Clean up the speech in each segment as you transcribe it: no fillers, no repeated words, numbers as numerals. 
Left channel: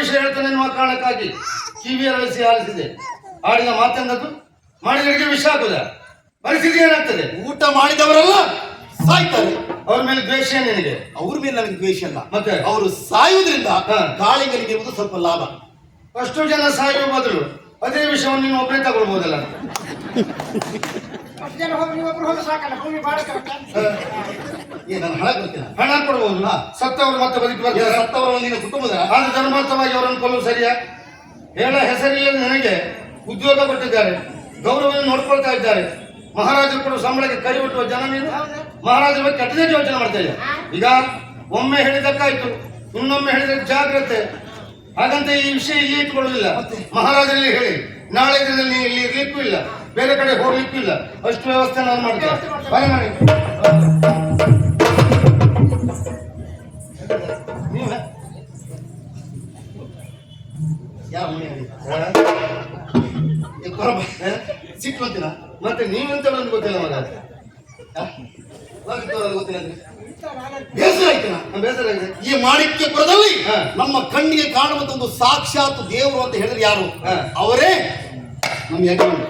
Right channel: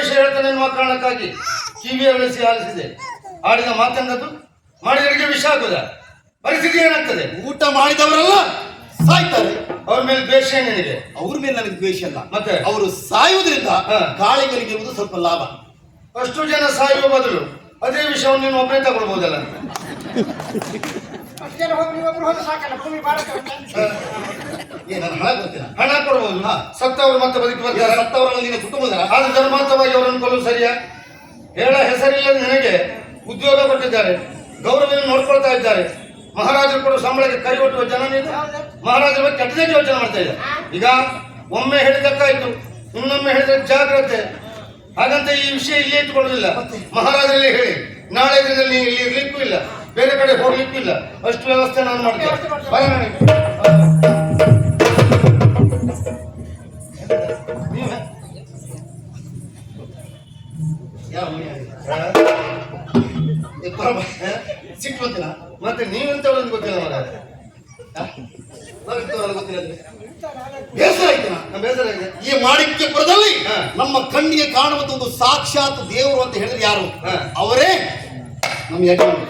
ವಿಷಯ ಹೇಳ್ತಾನೆ ಎನ್ನುವ ಕಾರಣಕ್ಕಾಗಿ ಕಿವಿ ಅರಳಿಸಿ ಆಲಿಸಿದೆ. ಆಡಿದ ಮಾತೆಂದದ್ದು, ಮಾಡಿದ ಅಡಿಗೆ ವಿಷ ಆಗುದ? ಪರಿಸ್ಥಿತಿ ಏನಾಗ್ತದೆ? ಊಟ ಮಾಡಿದವರೆಲ್ಲ ಸಾಯ್ತಾರೆ. ಅವ್ರ ಮೇಲೆ ದ್ವೇಷ ನಿನಗೆ? ಅವ್ರ ಮೇಲೆ ನನಗೆ ದ್ವೇಷ ಅಲ್ಲ, ಮತ್ತೆ ಅವರು ಸಾಯುವುದರಿಂದ ಕಾಳಿಂಗನಿಗೆ ಇರುವುದು ಸ್ವಲ್ಪ ಲಾಭ. ಅಷ್ಟು ಜನ ಸಾಯುವ ಬದಲು ಅದೇ ವಿಷಯವನ್ನು ನೀನು ಒಬ್ಬನೇ ತಗೊಳ್ಬಹುದಲ್ಲ? ಹಣ ಕೊಡಬಹುದು, ಸತ್ತವರು ಮತ್ತೆ ಬದುಕಿ ಬರ್ತಾರೆ. ಸತ್ತವರಲ್ಲ ನಿನ್ನ ಕುಟುಂಬದ, ಆದ್ರೆ ಧರ್ಮಾರ್ಥವಾಗಿ ಅವರನ್ನು ಕೊಲ್ಲುವುದು ಸರಿಯಾ? ಹೇಳ ಹೆಸರಿಲ್ಲದ ನನಗೆ ಉದ್ಯೋಗ ಕೊಟ್ಟಿದ್ದಾರೆ, ಗೌರವವನ್ನು ನೋಡ್ಕೊಳ್ತಾ ಇದ್ದಾರೆ. ಮಹಾರಾಜರು ಕೊಡುವ ಸಂಬಳಕ್ಕೆ ಕೈ ಒಟ್ಟುವ ಜನ ನೀನು ಮಹಾರಾಜರ ಬಗ್ಗೆ ಕೆಟ್ಟದಾಗಿ ಯೋಚನೆ ಮಾಡ್ತಾ ಇದ್ದ. ಈಗ ಒಮ್ಮೆ ಹೇಳಿದಕ್ಕಾಯ್ತು, ಇನ್ನೊಮ್ಮೆ ಹೇಳಿದ್ರೆ ಜಾಗ್ರತೆ. ಹಾಗಂತ ಈ ವಿಷಯ ಇಲ್ಲಿ ಇಟ್ಟುಕೊಳ್ಳುವುದಿಲ್ಲ, ಮಹಾರಾಜರಲ್ಲಿ ಹೇಳಿ. ನಾಳೆ ದಿನದಲ್ಲಿ ನೀನು ಇಲ್ಲಿ ಇರ್ಲಿಕ್ಕೂ ಇಲ್ಲ, ಬೇರೆ ಕಡೆ ಹೋಗ್ಲಿಕ್ಕೂ ಇಲ್ಲ. ಅಷ್ಟು ವ್ಯವಸ್ಥೆ ನಾನು ಮಾಡ್ತೇನೆ. ಸಿಟ್ಟುವಂತಿನ ಮತ್ತೆ ನೀವೆಂತ ಗೊತ್ತಿಲ್ಲ ಮಹಾರಾಜ. ಗೊತ್ತಿಲ್ಲ ಬೇಸರ ಆಯ್ತು. ಬೇಸರ ಆಗಿದೆ. ಈ ಮಾಣಿಕ್ಯಪುರದಲ್ಲಿ ನಮ್ಮ ಕಣ್ಣಿಗೆ ಕಾಣುವಂತ ಒಂದು ಸಾಕ್ಷಾತ್ ದೇವರು ಅಂತ ಹೇಳಿದ್ರೆ ಯಾರು? ಅವರೇ ನಮ್ಮ ಯಜಮಾನ.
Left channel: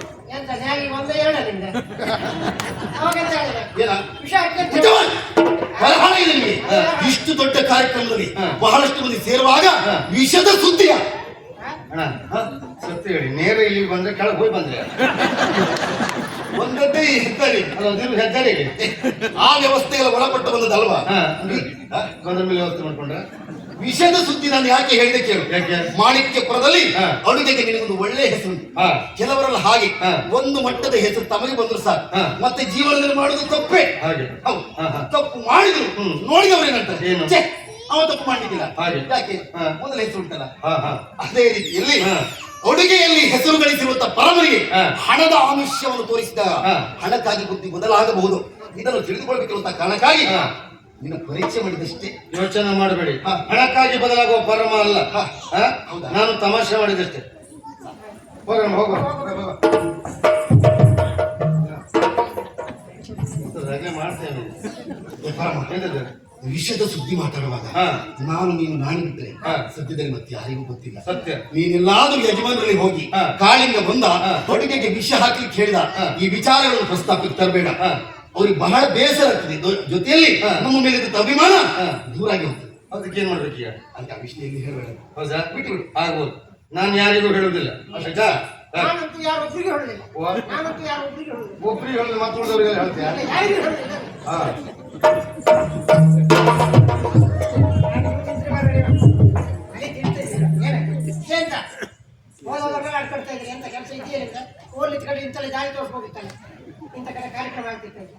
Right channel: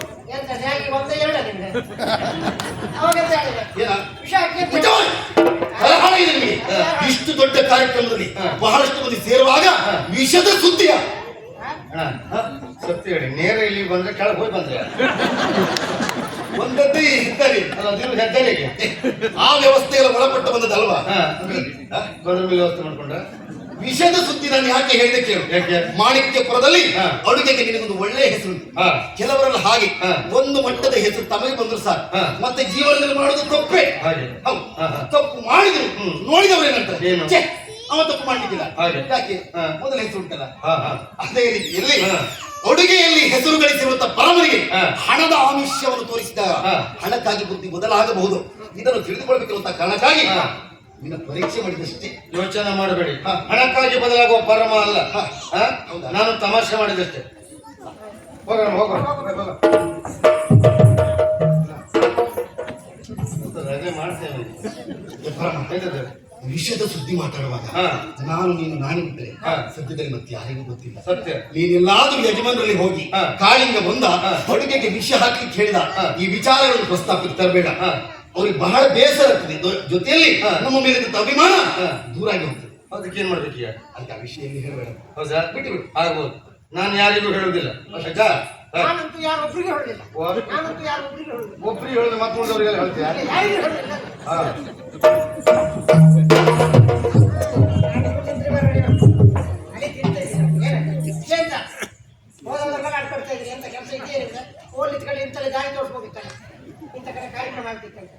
ಇಷ್ಟು ದೊಡ್ಡ ಕಾರ್ಯಕ್ರಮದಲ್ಲಿ ಬಹಳಷ್ಟು ಮಂದಿ ಸೇರುವಾಗ ವಿಷದ ಸುದ್ದಿಯ ಸತ್ಯ ಹೇಳಿ, ನೇರ ಇಲ್ಲಿ ಬಂದ್ರೆ ಕೆಳಗೆ ಹೋಗಿ ಬಂದ್ರೆ ಒಂದದ್ದೇ ಹೆದ್ದಾರಿ ಹೆದ್ದಾರಿಗೆ ಆ ವ್ಯವಸ್ಥೆಗಳ ಒಳಪಟ್ಟು ಬಂದದಲ್ವಾ? ಬಂದ ಮೇಲೆ ವ್ಯವಸ್ಥೆ ಮಾಡ್ಕೊಂಡ್ರೆ ವಿಷದ ಸುದ್ದಿ ನಾನು ಯಾಕೆ ಹೇಳಿದೆ ಕೇಳು. ಮಾಣಿಕ್ಯಪುರದಲ್ಲಿ ಅಡುಗೆಗೆ ನಿನಗೊಂದು ಒಳ್ಳೆ ಹೆಸರು. ಕೆಲವರೆಲ್ಲ ಹಾಗೆ ಒಂದು ಮಟ್ಟದ ಹೆಸರು ತಮಗೆ ಬಂದ್ರು ಸಾಕು, ಮತ್ತೆ ಜೀವನದಲ್ಲಿ ಮಾಡುವುದು ತಪ್ಪೇ. ಹಾಗೆ ಹೌದು, ತಪ್ಪು ಮಾಡಿದ್ರು ನೋಡಿದವರೇನಂತಾರೆ, ಏನು ಅವ ತಪ್ಪು ಮಾಡ್ಲಿಕ್ಕಿಲ್ಲ. ಹಾಗೆ ಯಾಕೆ ಮೊದಲ ಹೆಸರು ಉಂಟಲ್ಲ. ಅದೇ ರೀತಿಯಲ್ಲಿ ಅಡುಗೆಯಲ್ಲಿ ಹೆಸರು ಗಳಿಸಿರುವಂತ ಪರಮನಿಗೆ ಹಣದ ಆಮಿಷವನ್ನು ತೋರಿಸಿದಾಗ ಹಣಕ್ಕಾಗಿ ಬುದ್ಧಿ ಬದಲಾಗಬಹುದು. ಇದನ್ನು ತಿಳಿದುಕೊಳ್ಬೇಕಿರುವಂತ ಕಾರಣಕ್ಕಾಗಿ ನೀನು ಪರೀಕ್ಷೆ ಮಾಡಿದಷ್ಟೇ. ಯೋಚನೆ ಮಾಡಬೇಡಿ, ಹಣಕ್ಕಾಗಿ ಬದಲಾಗುವ ಪರಮ ಅಲ್ಲ. ನಾನು ತಮಾಷೆ ಮಾಡಿದಷ್ಟೇ. ಹೋಗೋಣ ಹೋಗೋಣ ಮಾಡ್ತೇವೆ. ವಿಷಯದ ಸುದ್ದಿ ಮಾತಾಡುವಾಗ ನಾನು ನೀನು ನಾಣಿ ಬಿಟ್ಟರೆ ಸದ್ಯದಲ್ಲಿ ಮತ್ತೆ ಯಾರಿಗೂ ಗೊತ್ತಿಲ್ಲ. ಸತ್ಯ. ನೀನೆಲ್ಲಾದ್ರೂ ಯಜಮಾನರಲ್ಲಿ ಹೋಗಿ ಕಾಳಿಂಗ ಬಂದ ಅಡುಗೆಗೆ ವಿಷ ಹಾಕ್ಲಿಕ್ಕೆ ಹೇಳಿದ ಈ ವಿಚಾರಗಳನ್ನು ಪ್ರಸ್ತಾಪಕ್ಕೆ ತರಬೇಡ. ಅವ್ರಿಗೆ ಬಹಳ ಬೇಸರ ಆಗ್ತದೆ. ಜೊತೆಯಲ್ಲಿ ನಮ್ಮ ಮೇಲೆ ಅಭಿಮಾನ ದೂರಾಗಿ ಹೋಗ್ತದೆ. ಅದಕ್ಕೆ ಏನ್ ಮಾಡ್ಬೇಕೀಗ? ಅಂತ ಆ ವಿಷಯದಲ್ಲಿ ಹೇಳಬೇಡ. ಹೌದಾ? ಬಿಟ್ಟು ಬಿಡು. ಆಗ್ಬೋದು. ನಾನು ಯಾರಿಗೂ ಹೇಳುವುದಿಲ್ಲ. ಒಬ್ರಿಗೆ ಹೇಳುದು ಮತ್ತೆ ಉಳಿದವರಿಗೆಲ್ಲ ಹೇಳ್ತೀಯ? ಆಡ್ಕೊಡ್ತಾ ಇದ್ರಿ ಎಂತ ಕೆಲಸ ಇದೆಯೇನಿಲ್ಲ. ಓದ್ಲಿತ್ ಕಡೆ ಇಂತಲ್ಲ ಜಾರಿ ತೋರಿಸ್ಬೋದಿತ್ತಲ್ಲ, ಇಂಥ ಕಡೆ ಕಾರ್ಯಕ್ರಮ ಆಗ್ತಿತ್ತಂತೆ.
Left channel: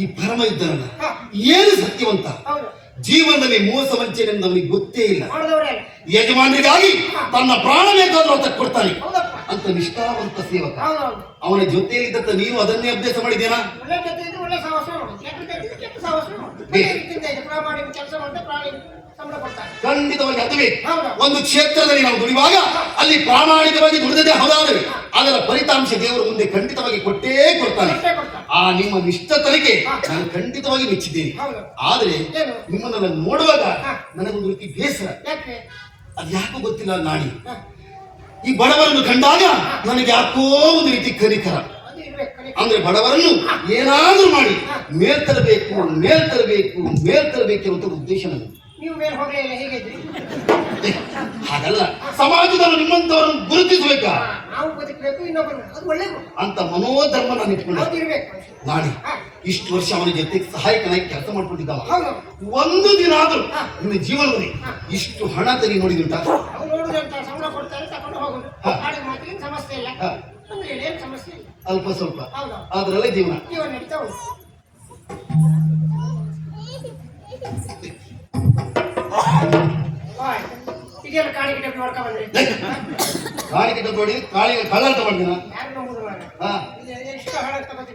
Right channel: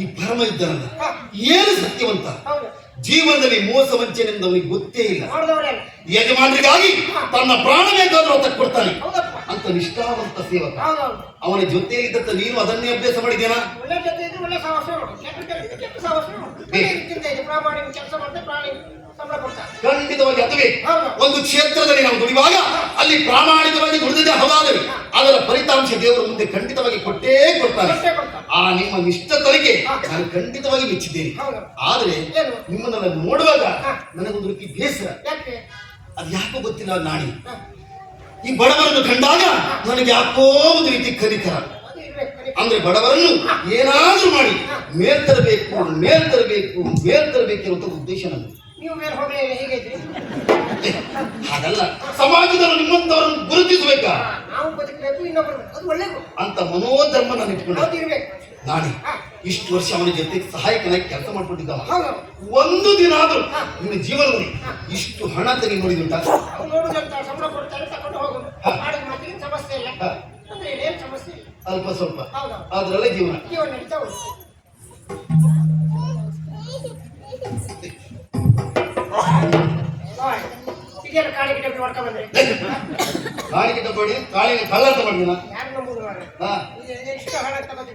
ಈ ಪರಮ ಇದ್ದಾನಲ್ಲ ಏನು ಸತ್ಯವಂತ. ಜೀವನದಲ್ಲಿ ಮೋಸ ವಂಚನೆಯಿಂದ ಅವನಿಗೆ ಗೊತ್ತೇ ಇಲ್ಲ. ಯಜಮಾನರಿಗಾಗಿ ತನ್ನ ಪ್ರಾಣ ಬೇಕಾದ್ರೂ ಅಂತ ಕೊಡ್ತಾನೆ ಅಂತ ನಿಷ್ಠಾವಂತ ಸೇವಕ. ಅವನ ಜೊತೆಯಲ್ಲಿದ್ದಂತ ನೀನು ಅದನ್ನೇ ಅಭ್ಯಾಸ ಮಾಡಿದೇನಾ? ಖಂಡಿತವಾಗಿ ಅದುವೇ. ಒಂದು ಕ್ಷೇತ್ರದಲ್ಲಿ ನಾವು ದುಡಿಯುವಾಗ ಅಲ್ಲಿ ಪ್ರಾಮಾಣಿಕವಾಗಿ ದುಡಿದೇ ಹೌದಾದರೆ ಅದರ ಫಲಿತಾಂಶ ದೇವರು ಮುಂದೆ ಖಂಡಿತವಾಗಿ ಕೊಟ್ಟೇ ಕೊಡ್ತಾನೆ. ಆ ನಿಮ್ಮ ನಿಷ್ಠತನಿಗೆ ನಾನು ಖಂಡಿತವಾಗಿ ಮೆಚ್ಚಿದ್ದೇನೆ. ಆದರೆ ನಿಮ್ಮನ್ನ ನೋಡುವಾಗ ನನಗೊಂದು ರೀತಿ ಬೇಸರ. ಅದು ಯಾಕೋ ಗೊತ್ತಿಲ್ಲ ನಾಣಿ. ಈ ಬಡವರನ್ನು ಕಂಡಾಗ ನನಗೆ ಯಾಕೋ ಒಂದು ರೀತಿ ಕನಿಕರ. ಅಂದ್ರೆ ಬಡವರನ್ನು ಏನಾದ್ರೂ ಮಾಡಿ ಮೇಲ್ತರಬೇಕು ಅಂತ ಉದ್ದೇಶ ನನಗೆ. ಹಾಗಲ್ಲ, ಸಮಾಜದಲ್ಲಿ ನಿಮ್ಮಂತವರನ್ನು ಗುರುತಿಸಬೇಕಾ ಅಂತ ಮನೋಧರ್ಮ ನಾನು ಇಟ್ಕೊಂಡೆ. ನಾಳೆ ಇಷ್ಟು ವರ್ಷ ಅವನ ಜೊತೆ ಸಹಾಯಕನಾಗಿ ಕೆಲಸ ಮಾಡ್ಕೊಂಡಿದ್ದವ. ಒಂದು ದಿನ ಆದ್ರೂ ನಿನ್ನ ಜೀವನದಲ್ಲಿ ಇಷ್ಟು ಹಣ ತೆಗಿ ನೋಡಿದುಂಟ? ಅಲ್ಪ ಸ್ವಲ್ಪ ಅದ್ರಲ್ಲೇ ಜೀವನ. ಕಾಣಿಕೆ ಡಬ್ಬಿ ಹೊಡ್ಕ ಬಂದ್ರಿ. ಕಾಣಿಕೆ ಡಬ್ಬಿ ಕಾಳಿಗೆ ಕಳ್ಳ ಅಂತ ಮಾಡಿದಿನ. ಯಾರು ನಂಬುದು? ಇಷ್ಟು ಹಣ ತಗೋತೀನಿ.